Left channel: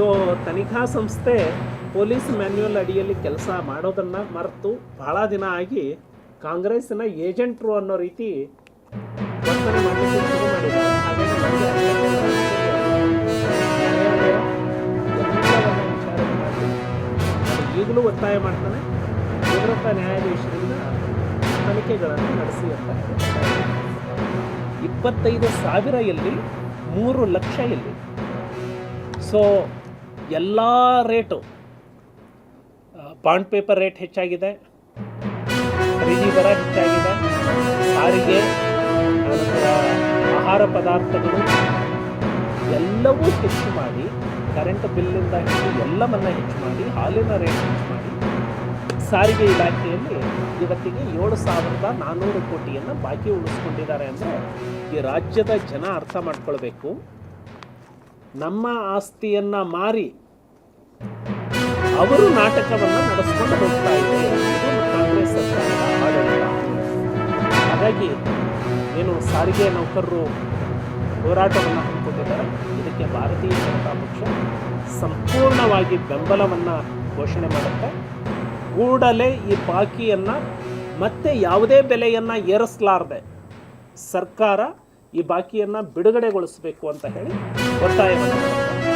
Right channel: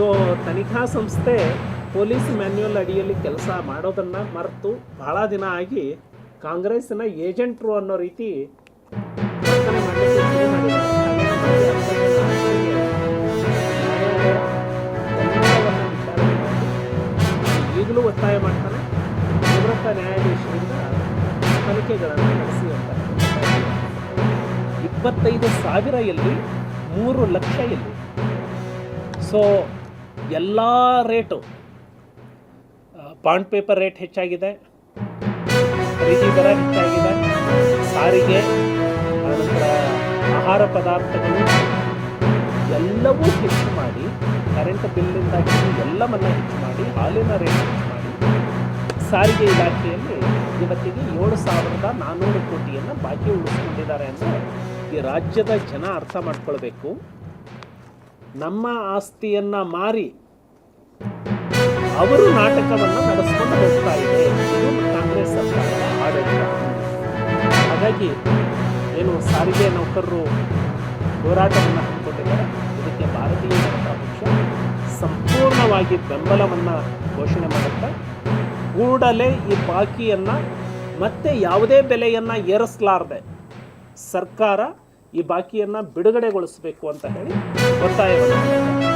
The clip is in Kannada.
ಸೊ ತನಿಖಾ ಸಂಸ್ಥೆ ಪೊಲೀಸ್ ಮ್ಯಾನ್ಯುವಲ್ ಅಡಿಯಲ್ಲಿ ಕೆಲಸ ಮಾಡೋದನ್ನು ಮರೆತು ಭಾಳ ದಿನ ಆಗಿ ಕಾಂಗ್ರೆಸ್ಸಿನ ಏಜೆಂಟ್ರು ಅನ್ನೋ ರೀತಿ ವರ್ತನೆ ಮಾಡಲಿಕ್ಕೆ ಶುರು ಮಾಡಿದ್ದಾರೆ. ಹಾಗಾಗಿ ನನಗೆ ಅರ್ಥವೇನು ಆಶ್ಚರ್ಯ ಇದೆ. ನ್ಯಾಯಾಲಯ ಎಲ್ಲವನ್ನ ವಿಚಾರಣೆ ಮಾಡಿ ನಾನು ಈಗಲೂ ಒತ್ತಾಯ ಮಾಡ್ತಾನೆ, ನಿವೃತ್ತ ನ್ಯಾಯಾಧೀಶರಿಂದ ತನಿಖೆಗಳನ್ನು ನಡೆಸಿ ಅಂತ ಹೇಳಿ ಒತ್ತಾಯ ಮಾಡ್ತಾನೆ. 25,000 ಎಲ್ಲಿ, 3 ಲಕ್ಷ ಎಲ್ಲಿ? ಸೊ ಎಲ್ಲ ರೇಟು, ಬಾಂಡ್ ಪೇಪರ್ ರೇಟ್ ಹೆಚ್ಚಾಗಿದೆ, ಖರೀದಿ ದರ ಹೆಚ್ಚಾಗಿದೆ, ಸಾರಿಗೆ, ಆನಂತರ ಆಹಾರ ಪದಾರ್ಥಗಳು ಎಲ್ಲವೂ ಹೆಚ್ಚು ಮಾಡಿ, ಕರೆಂಟ್ ಬಿಲ್ಲಿಂದ ಹಿಡಿದು ಎಲ್ಲವನ್ನ ಹೆಚ್ಚು ಮಾಡಿ, ಹಾಲಿನ ರೇಟ್ ಹೆಚ್ಚು ಮಾಡಿ, ಸಾರಿಗೆ ಇಲಾಖೆಯಲ್ಲಿ ಇವತ್ತಿಗೆ 7,400 ಕೋಟಿಯನ್ನು ಬಾಕಿ ಉಳಿಸ್ಕೊಂಡಿದ್ದಾರೆ. ಅಂದರೆ ಈ ರಾಜ್ಯದ ಜನ ಅರ್ಥ ಮಾಡ್ಕೊಳ್ಬೇಕು, ನಮ್ಮ ಆಸ್ತಿಯನ್ನು ಮಾರಿ ಅವರು ನಾಟಕವನ್ನು ನಡೆಸ್ಕೊಂಡು ಹೋಗ್ತಾ ಇದೆ. ಇದು ಕಾಂಗ್ರೆಸ್ ಸರ್ಕಾರದ ಆಡಳಿತ. ಹಾಗಾಗಿ ಏನು ಸಾರಿಗೆ ನೌಕರರು ಹೋರಾಟವನ್ನು ಹಮ್ಮಿಕೊಂಡಿದ್ದಾರೆ, ಇದಕ್ಕೆ ಭಾರತೀಯ ಜನತಾ ಪಕ್ಷ ಸಂಪೂರ್ಣವಾಗಿ ಬೆಂಬಲವನ್ನು ಘೋಷಣೆ ಮಾಡುತ್ತೆ. ಕೂಡಲೇ ಈ ಬಾಕಿಯನ್ನು ಮತ್ತೆ ಯಾವುದೇ ಬೆಲೆಯನ್ನು ಏರಿಸಲಾರದೆ ಸರ್ಕಾರ ಈ ಬಾಕಿಯನ್ನು ಬಿಡುಗಡೆಗೊಳಿಸಬೇಕು ಅಂತ ಹೇಳಿ ಒತ್ತಾಯವನ್ನು ಮಾಡುತ್ತೆ.